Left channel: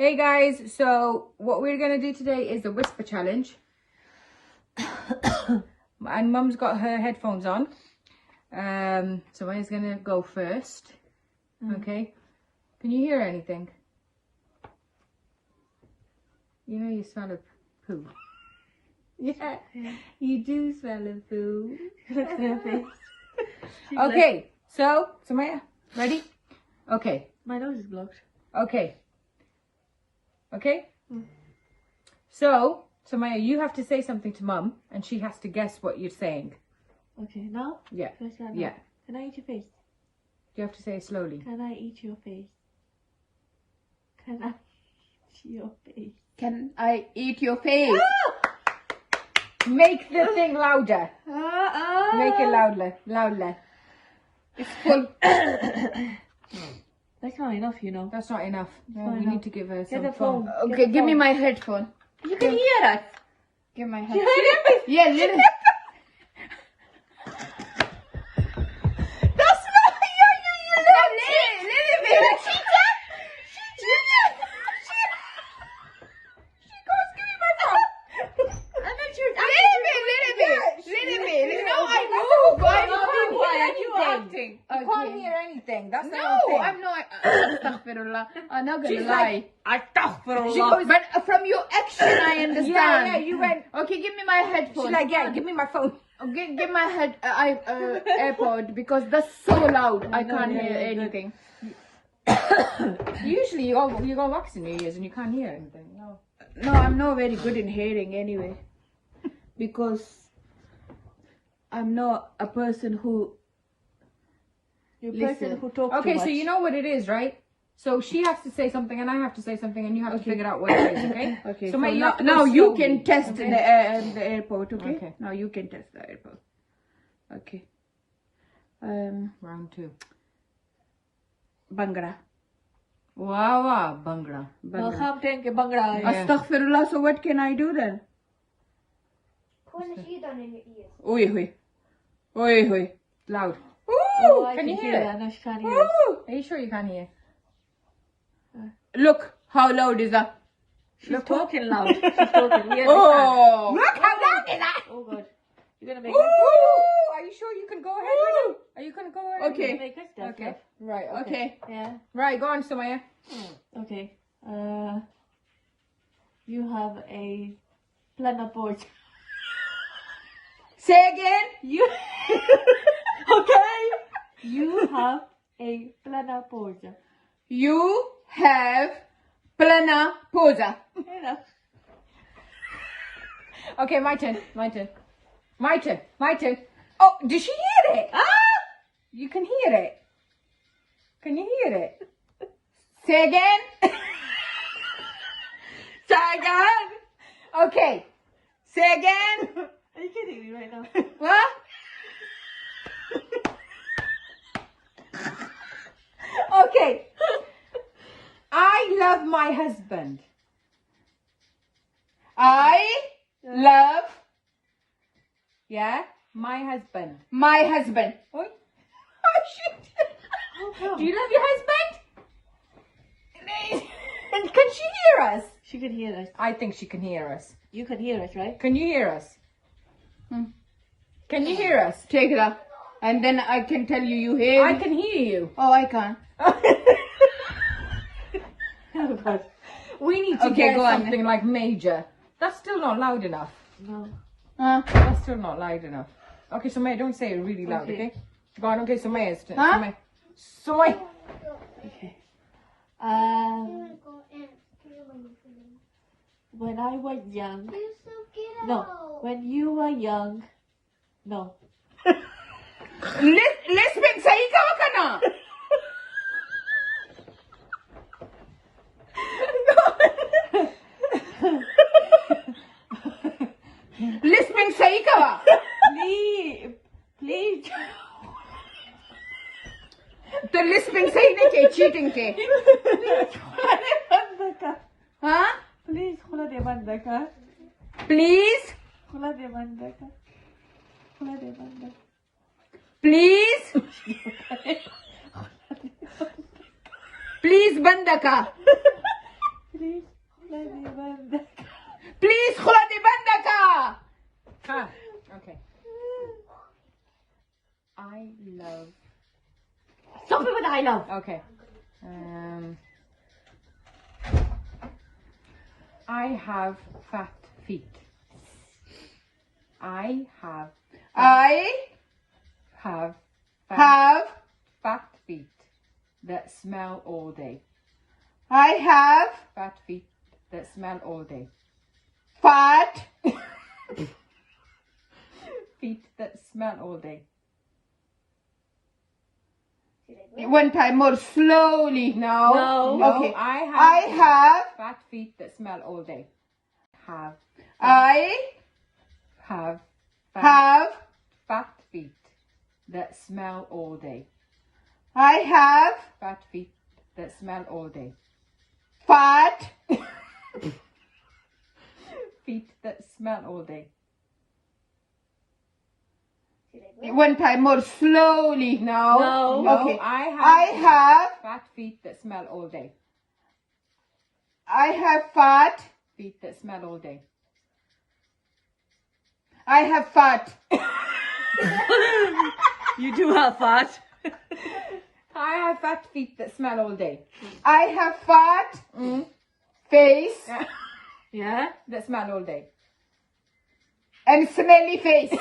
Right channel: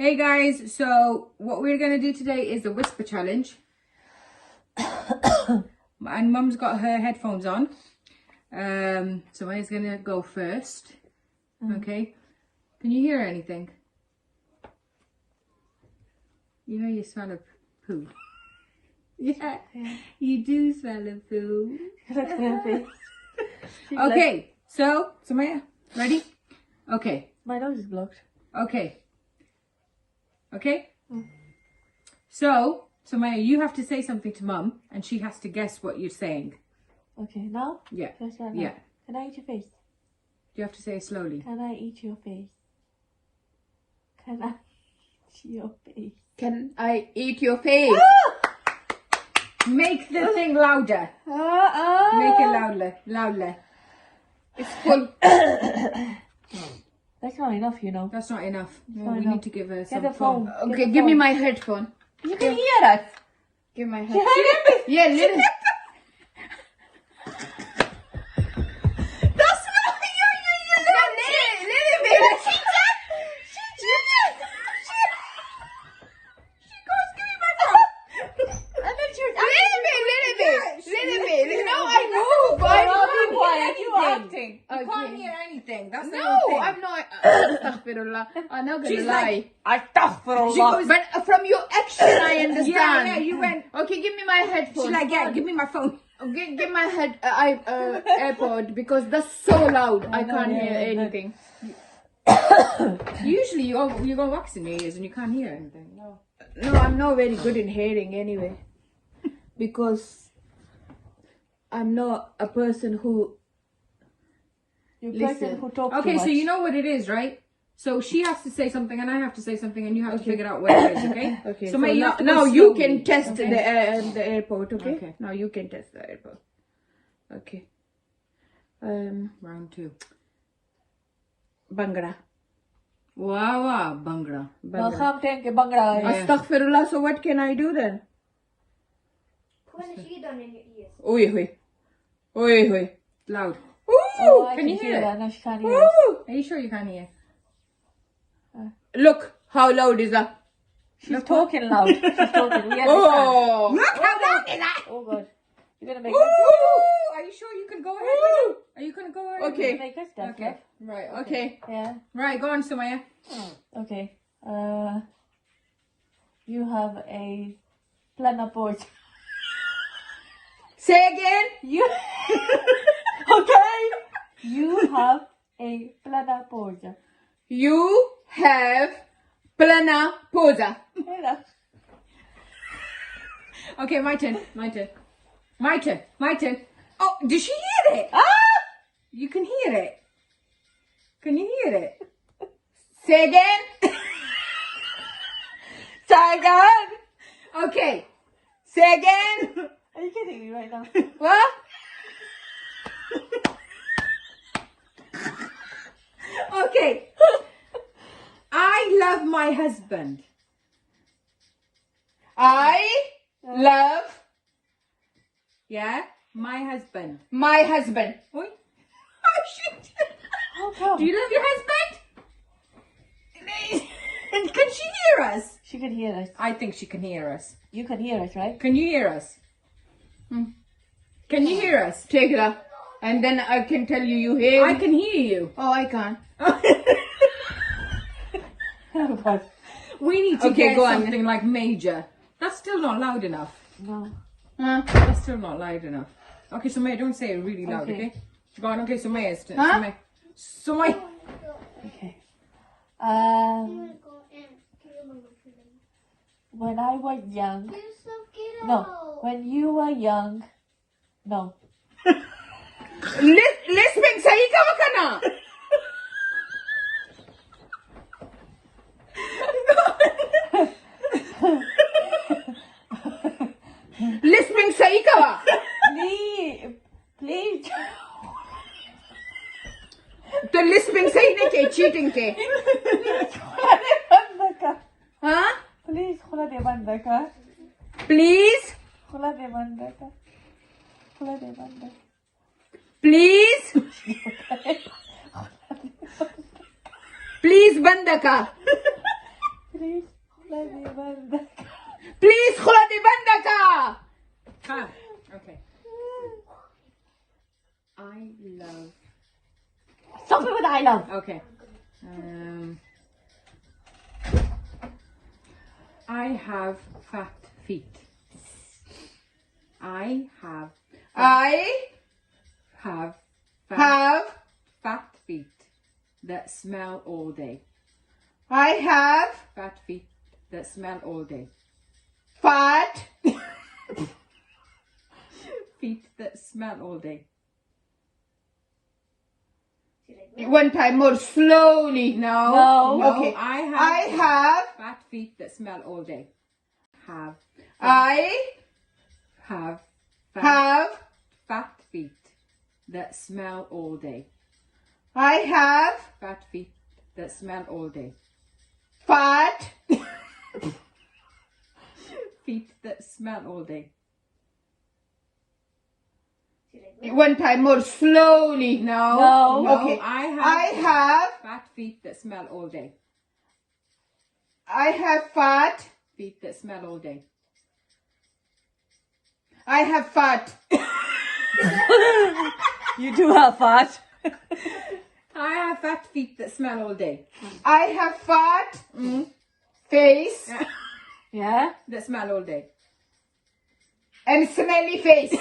Hey guys, so what we're gonna do today is the whisper challenge. And Mum's got her headphones on. So Maya's gonna go first. Okay. Can you hear anything? You know you smell of poo. Yeah, you do smell of poo. Okay, so Somaya, ready? Okay. My nose is blocked. Okay. Okay? So, Somaya, you have to say something to Mum, and she has to guess what you're saying. Okay, now? Yeah. Can I start now? Yeah. Can I eat your face? You have to say it slowly. Can I eat your face? Can I eat your face? Can I eat your face? Make the thing louder. Make it louder. Louder. It's full. That's not enough, you know. That's not enough. not You enough. need to give her Get some the phone. phone. Okay, give me my headphone. You can hear us. Give my headphone. Yeah, little. That's not Little bit. Little bit. No, I move. You acting. You can't Okay. hear anything. That's the No, whole thing. I'm not. Astaghfirullah. I'm not gonna She's lie. Astaghfirullah. But from your action, I understand. Yeah, you went. Okay, give me my headphone. She's like, yeah, give me my phone. Give my AirPod because that's so loud. I can't hear anything. Usually you go wax in your ears and you can't hear anything. No. No, I'm not very good in hearing anyway. Because I'm not a person who You're a Listen. person who talks Okay, too so much. you know what it is, right? So she has to say something and I have to say something and you have to figure out what it is, okay? Okay, So, so May, you have to go now you slowly, can test okay? the airport, okay? Okay. Now you can test the airport. Okay. Round 2. Bhangra. Wow, wow, Bhangra. Welcome, thank you, Bhangra. Yeah. Astaghfirullah, so what can I do then? Put a sheet on in your ears. Oi, oi. Oi, oi. Loud. Oh, I Can you hear? it? No, she can't hear us. Woo! Are you sure you can't hear? Look, how loud is that? She's talking loud. She's talking. We understand. Oh! Oh, God. You're gonna make Woo! Are you sure you can go ahead? Are you gonna go ahead? Okay. make us that, Okay. Right, okay. Okay. Yeah. Right, go on, Somaya. Okay. You have a planaport. Say again. You okay? You have a planaport. You have plana posa. Okay, my turn. Oh, did she hear it? You can hear it. Can you hear it? Say again. Say again. Okay. Say again. Are you kidding me right now? What? Okay. I love my husband. I love Yeah? My husband. my husband. Oi. Oh, shit. How come? Do you love your husband? Can she hear us? She can hear us. I think she can hear us. You can hear us, right? Can you hear us? Can you hear us? Take it up. And then I can tell you hear I me. can hear you. Oh, I can't. Oh, God. We need to Okay, get go on. something like major. That's still not loud enough. No. Huh? That's still not loud enough. Okay, so May, don't say it really loud, Okay. okay? Go on, okay, so May is Huh? Somaya. Okay. I'm gonna go and kill my friend. When I was young. You're so cute. No. When you were young. No. Lisping sahi ka kana? Lisping sahi ka ba? Please. Please. तो lisping सही नहीं थे cheating थे हाँ Please, खुला दे बंद कर. Please खुला दे बंद कर. खुला दे बंद कर. प्लीज प्लीज बंद का Please let me run the Please خلدي بندك. Ah, okay. I love. Stop it with I love. Okay. I have fat feet. I have I fat have feet that smell all day. I have Fat feet that smell all day. fat Feet that smell all day. one time more slowly. No. Okay. I I have fat feet that smell all day. Have I have have fat feet that smell all day. I have Fat feet that smell all day. fat Feet that smell all day. one time more slowly. No. Okay. I I have fat feet that smell all day. I have fat. Feet that smell all day. I have fat. You do have fat. I have fat feet that smell all day. I have fat face Yeah? That smell all day. and smelly face.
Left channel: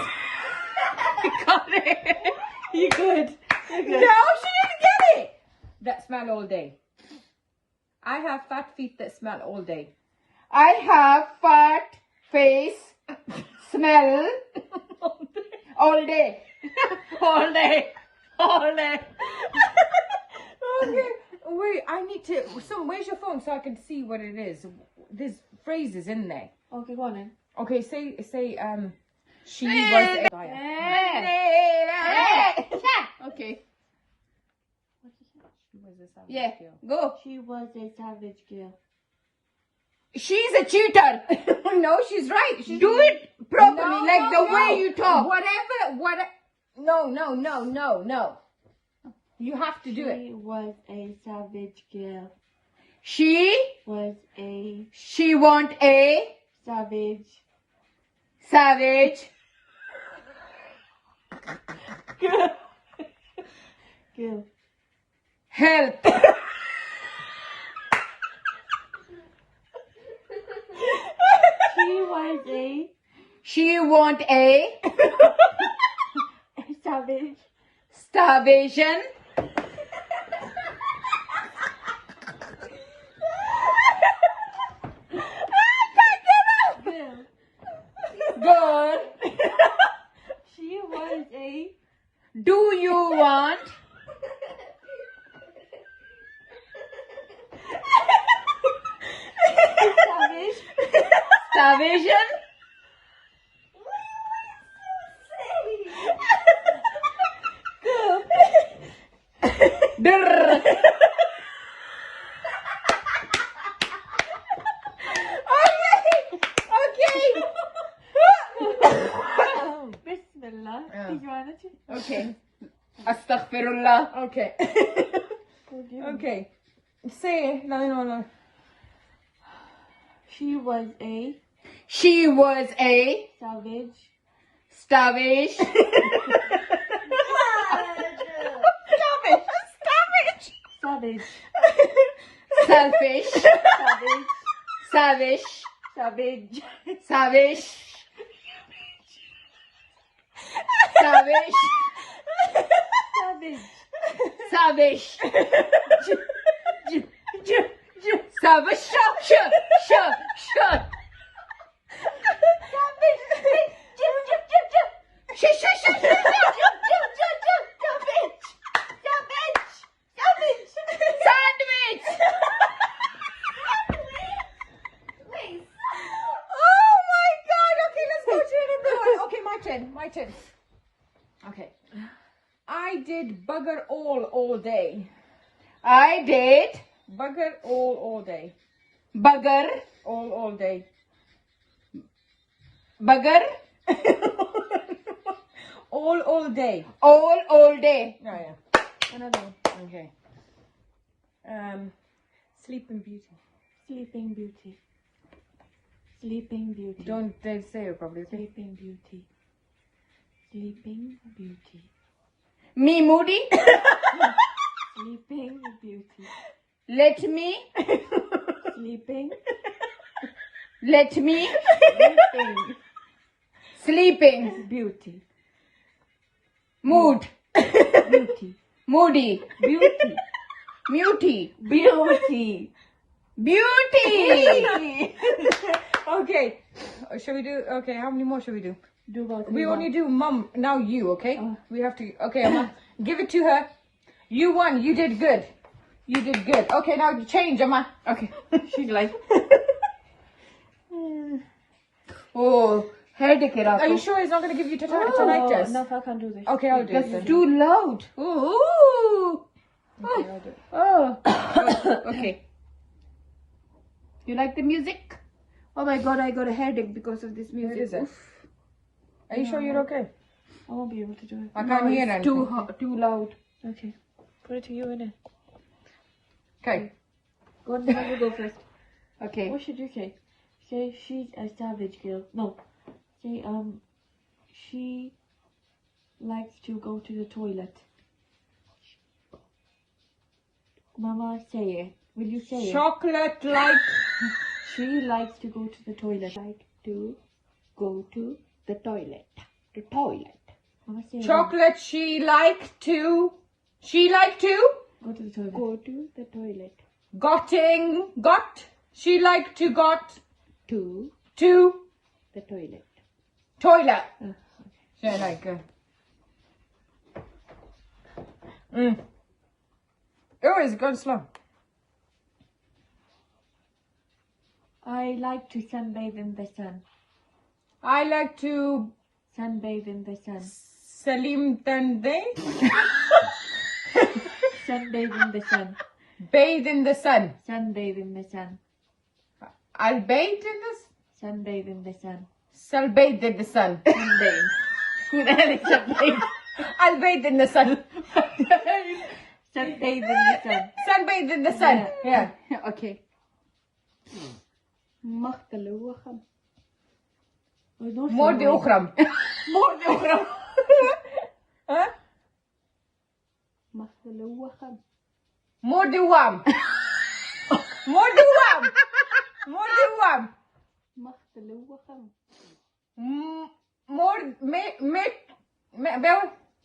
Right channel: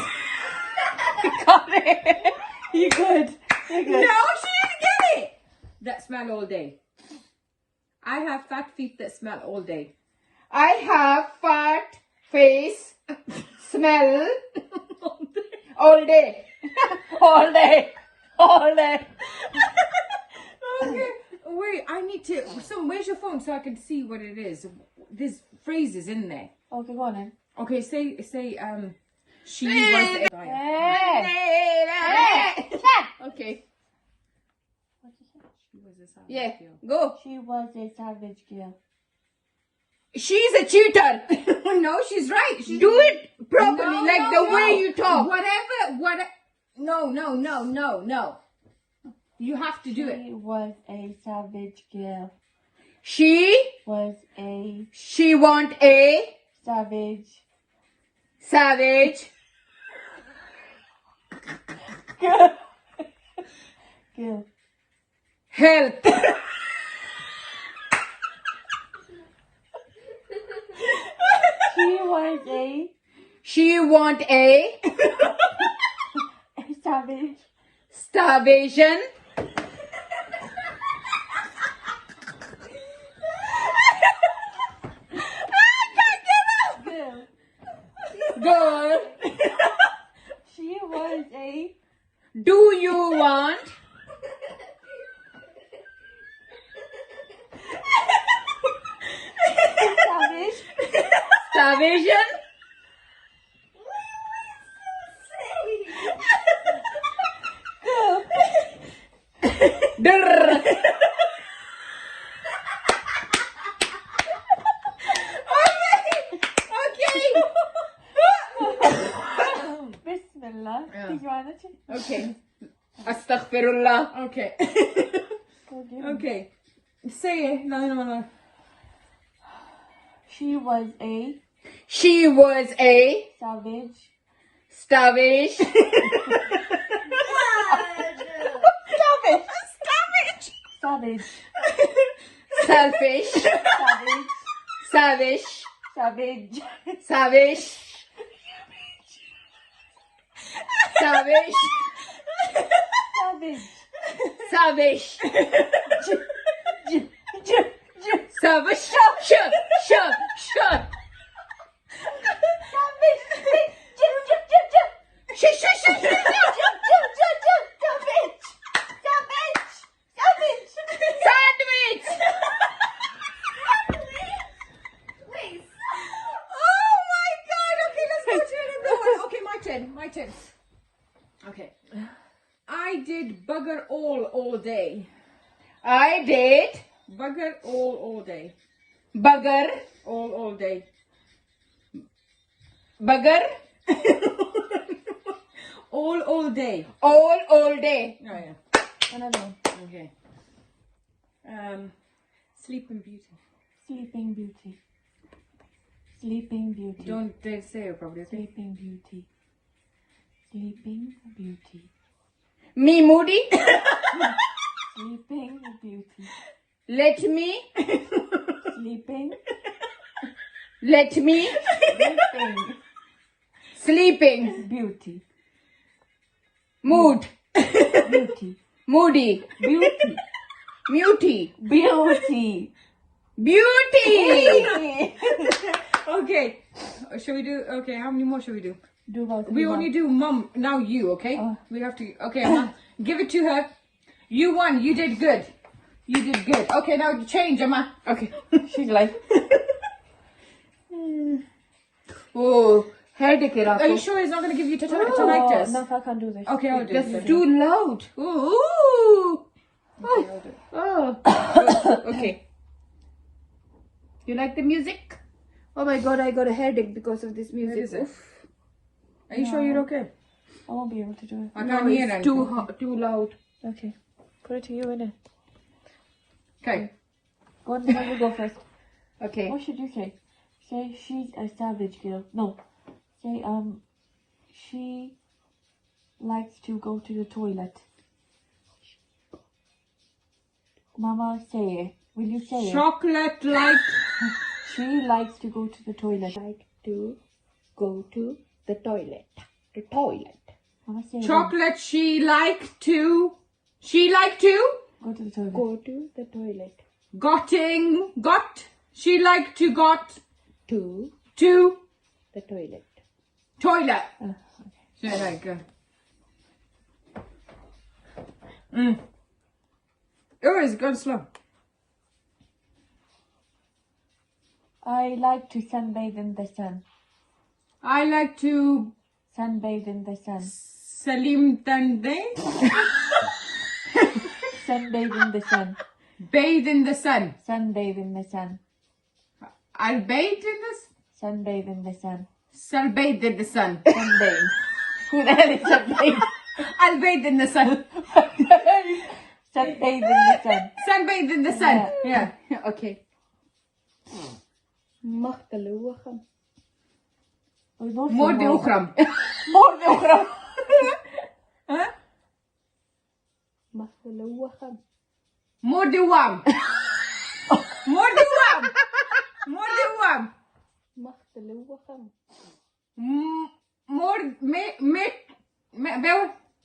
Got it. You good. You good. No, she didn't get it. That smell all day. I have fat feet that smell all day. I have fat face smell all day. All day. All day. Okay. Wait, I need to. Where's your phone so I can see what it is? There's phrases in there. Okay, go on then. Okay, say. She was. Okay. She was a savage Yeah. girl. Go. She was a savage girl. She's a cheater. No, she's right. She's Do it properly, No, like no, the way no. you talk. Whatever. No. You have to do it. She was a savage girl. She Was a want a savage savage girl. help. She want a Savage starvation girl. girl. She was a Do you want savage starvation? girl. Drr. Bismillah. Yeah. Did you want it? Okay. Astaghfirullah. Okay. Go do it. Okay. Say it. No. She was a She was a savage starvation. savage Selfish. savage Savage. savage Savage. Savage. savage Savage. Savage. Shut. Sandwich. Oh my God. Okay, let's go to another one. Okay, my turn. Okay. I did bugger all day. I did Bugger all day. bugger. All day. Bugger. all day. All day. Oh yeah. another one. Okay. Sleeping Beauty. Sleeping Beauty. Sleeping Beauty. Don't they say it properly? Sleeping Beauty. Sleeping Beauty. Me moody. Sleeping Beauty. Let me. Sleeping. Let me. Sleeping Sleeping. Beauty. Mood. Beauty. Moody. Beauty. Muty. Beauty. Beauty. Okay. Shall we do? Okay. How many more should we do? Do about We only do mum. Now you. Okay. We have to. Okay. Amma, give it to her. You won. You did good. You did good. Okay. Now change, Amma. Okay. She's like. Oh, headache it up. Are you sure he's not going to give you Oh, tonsillitis? no, I can't do this. Okay, I'll do That's it. too loud. Ooh. Oh. Okay. You like the music? Oh my god, I got a headache because of this music. is it? Oof. Are you sure you're okay? I won't be able to do it. I No, can't hear it's them. too loud. Okay. Put it to you in it. Okay. Go on, then you go first. Okay. What should you say? Say she's a savage girl. No. Say she likes to go to the toilet. Mama, say it. Will you say it? Chocolate like. She likes to go to the toilet. Like to go to the toilet. The toilet. Mama, say it. Chocolate. She like to. She like to. Go to the toilet. Go to the toilet. Gotting. Got. She like to got To to the toilet. toilet. Yeah, right, good. Oh, it's gone slow. I like to sunbathe in the sun. I like to Sunbathe in the sun. Salim Tande. Sunbathe in the sun. Bathe in the sun. Sunbathe in the sun. I'll bathe in the Sunbathe in the sun. I'll bathe in the sun. Sunbathe. Who the hell is sunbathe? I'll bathe in the sun. Sunbathe in the sun. Sunbathe in the sun. Yeah. Okay. Machteloochem. More de ukhram. More de ukhram. Huh? Machteloochem. More de wam. More de wam. More de wam. Machteloochem. More me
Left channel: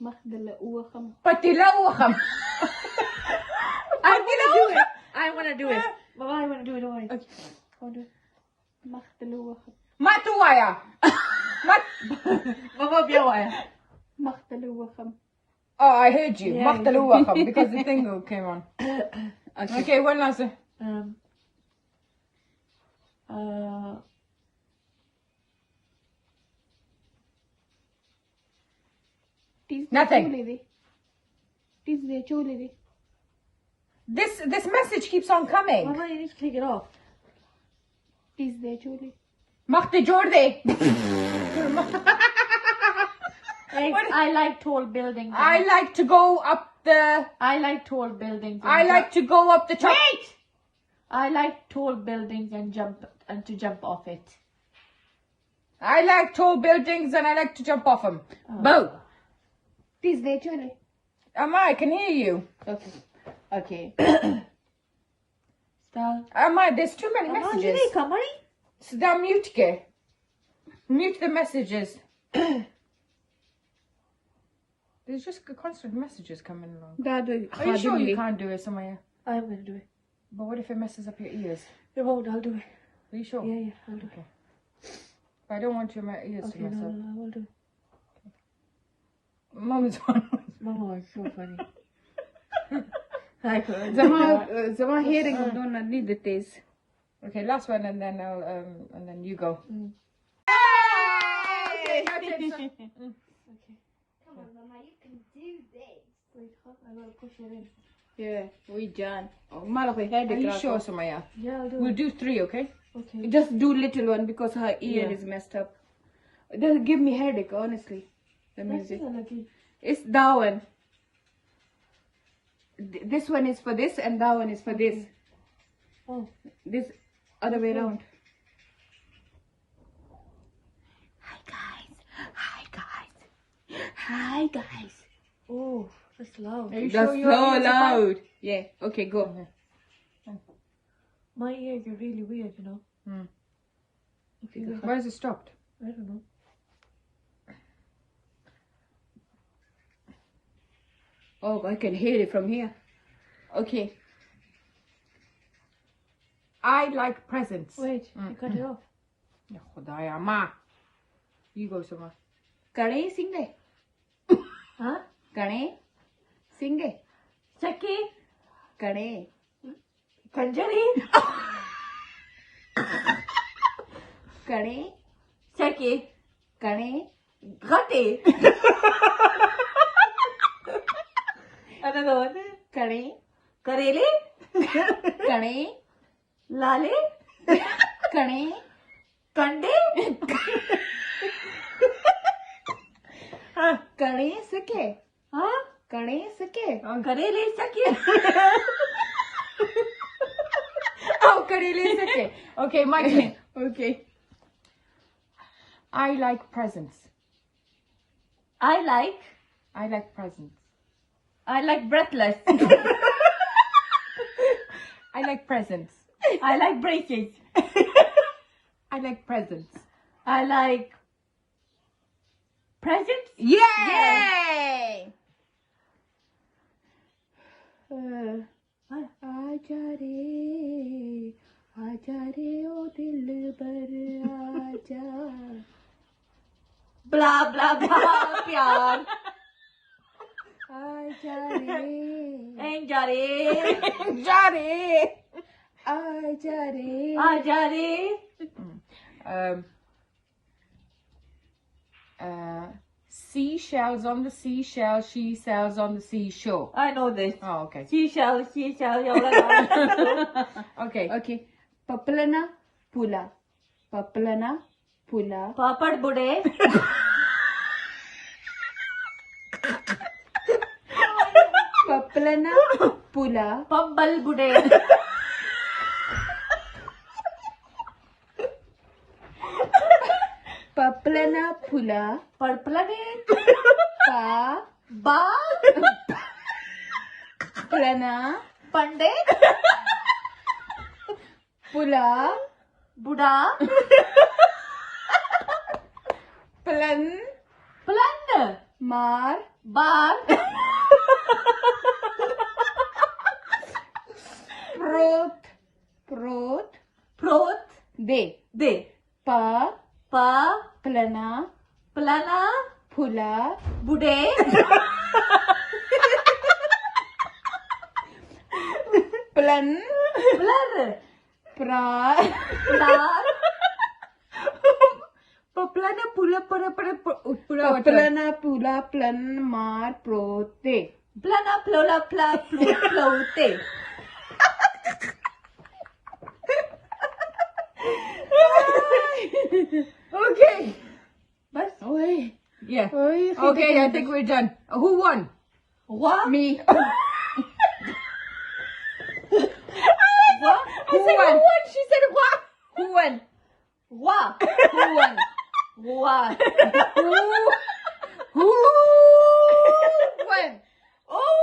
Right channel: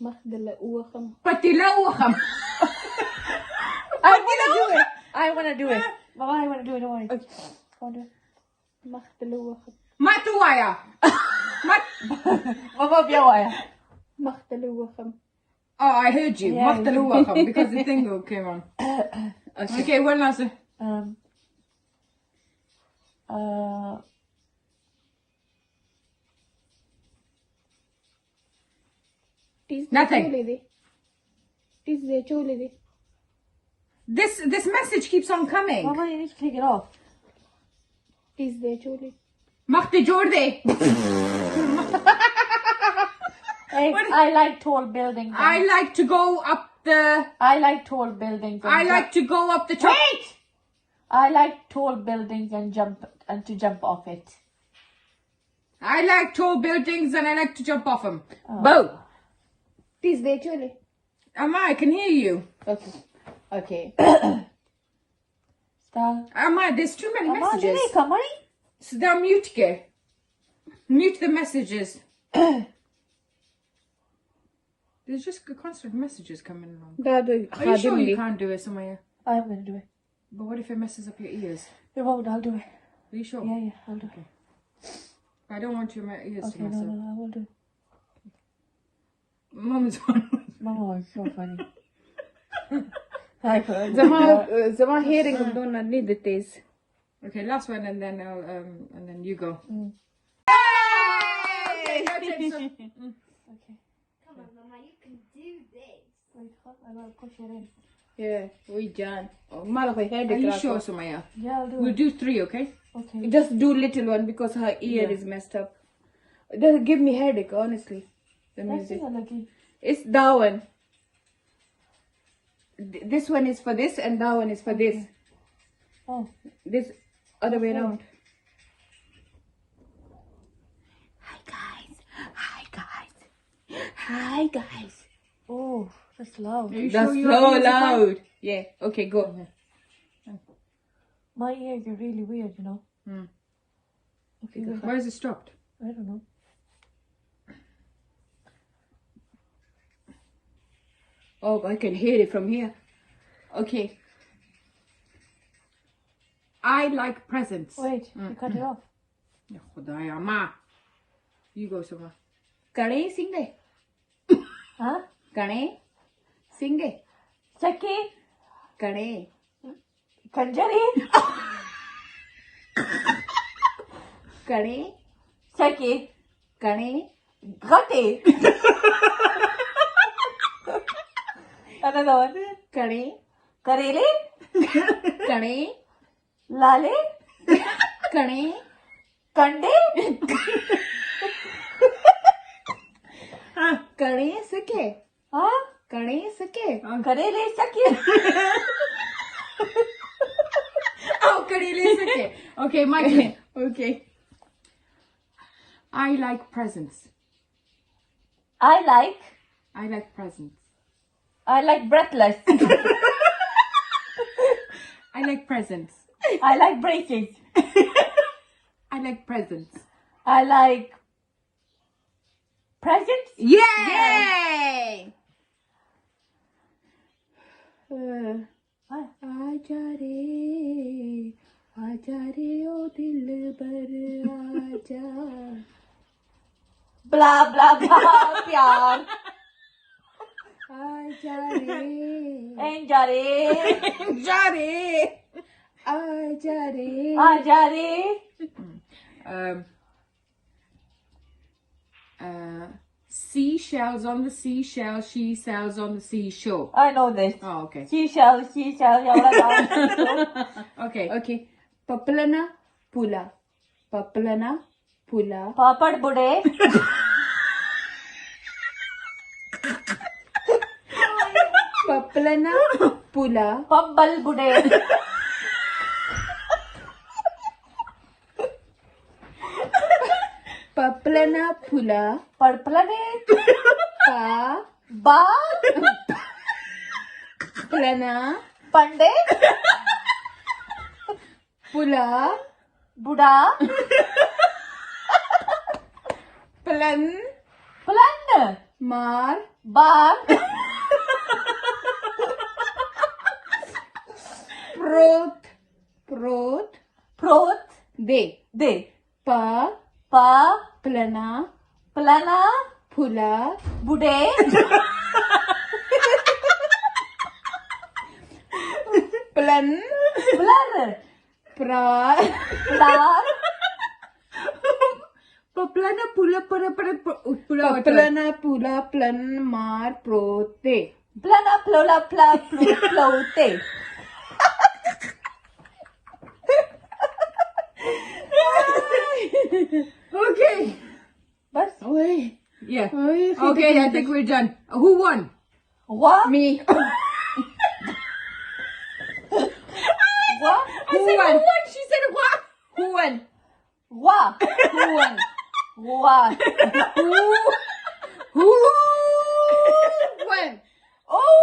Machteloochem. patiloochem. I want to do it. I want to do it. Mama, I want to do it. Don't worry. Go on, do it. Machteloochem. Matuwaya. Mama, biawaya. Machteloochem. Oh, I heard you. Yeah, Mataluwakam, because the thing came on. Okay, one last. Nothing. This message keeps on coming. Mama, you need to take it off. Machte Jorde. I like tall buildings. I like to go up the. I like tall buildings. I like to go up the top. Wait! I like tall buildings and to jump off it. I like tall buildings and I like to jump off them. Both. Amma, I can hear you. Okay. Okay. Stop. Amma, there's too many messages. Come on. So now mute ke. Mute the messages. There's just constant messages coming along. Are you sure you can't do it, Somaya? I'm going to do it. But what if it messes up your ears? No, I'll do it. Are you sure? Yeah, I'll do it. I don't want your ears to Okay, mess up. no, I will do it. Mum's one. Mama is so funny. Zama hearing of don't need the taste. Okay, last one and then I'll and then you go. Yay! Okay. Come on, Mama, you can do this. Wait, I gotta push it in. Yeah, we done. Oh, malaki Are headache. you sure, Somaya? Yeah, I'll do We'll it. do 3, okay? Okay. Just do little one because her ear is messed up. It doesn't give me headache, honestly. The music. It's that one. This one is for this and that one is for this. Oh. This Other way around. Hi guys. Hi guys. Hi guys. Oh, that's loud. Are you That's sure your so ears are fine? loud. Yeah. Okay, go. My ears are really weird, you know. Okay, go. Where is it stopped? I don't know. Oh, I can hear it from here. Okay. I like presents. Wait, you cut it off. Khudaya ma. You go, Somaya. Kane sing de. Huh? Kane sing de. Saki? Kane. Kanjari? Kane. Saki? Kane. Gati? Another one. Kane. Kareli? Kane. Lale? Kane. Kande? Kane sake. Huh? Kane sake. Kareli Saki? Oh, Kareli Sake. Okay, my turn. Okay. I like presents. I like presents. breathless. I like presents. I like braces. I like presents. I like presents. Yay! आजा रे ओ दिल बर आजा Blah blah blah. Pyar. आजा रे Enjare. Johnny! आजा रे Ajare. Seashells on the seashell, she sells on the seashore. I know this. Oh, okay. Seashell. Okay. Okay. Papalana pula. Papalana pula. Papad bude. Papalana pula. Pabbal bude. Papalana pula. Parplane. Pa Ba. plana Pande. pula Buda. plan Plan. mar Bar. prot Prot. de De. pa Pa. plana Plana. pula Bude. plan Blur. pra Plar. Paplana pula pula plana pula plan mar prot de Plana plola pla flote. Okay. Bas. Oi, Yeah. oi, Okay, I think we're done. Who won? What? me What? who won She said what? who won What? who won What? who won Oh!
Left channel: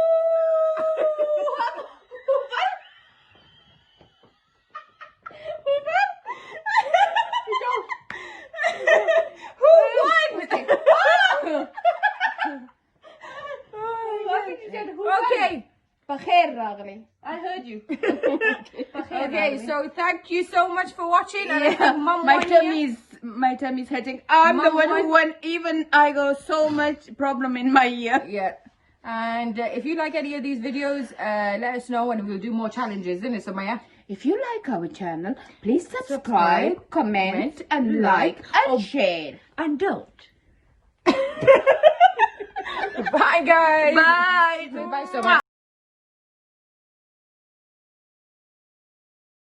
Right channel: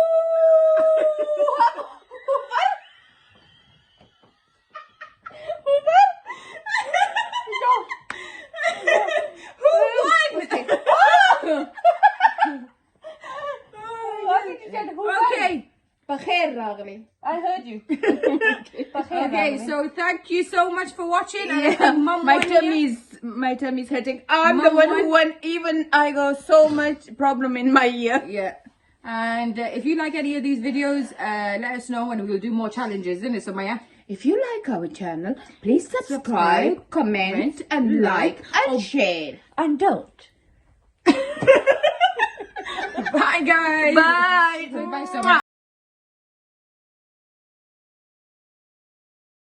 okay Okay. بخير راغلي I heard you. Okay, so thank you so much for watching. And I yeah think Mum my won here. tummy is hurting. I'm the Mum one who won. won. Even I got so much problem in my ear. Yeah. And if you like any of these videos, let us know and we'll do more challenges, isn't it, Somaya? If you like our channel, please subscribe, comment, and like and share. And don't. Bye, guys. Bye. Bye, Somaya.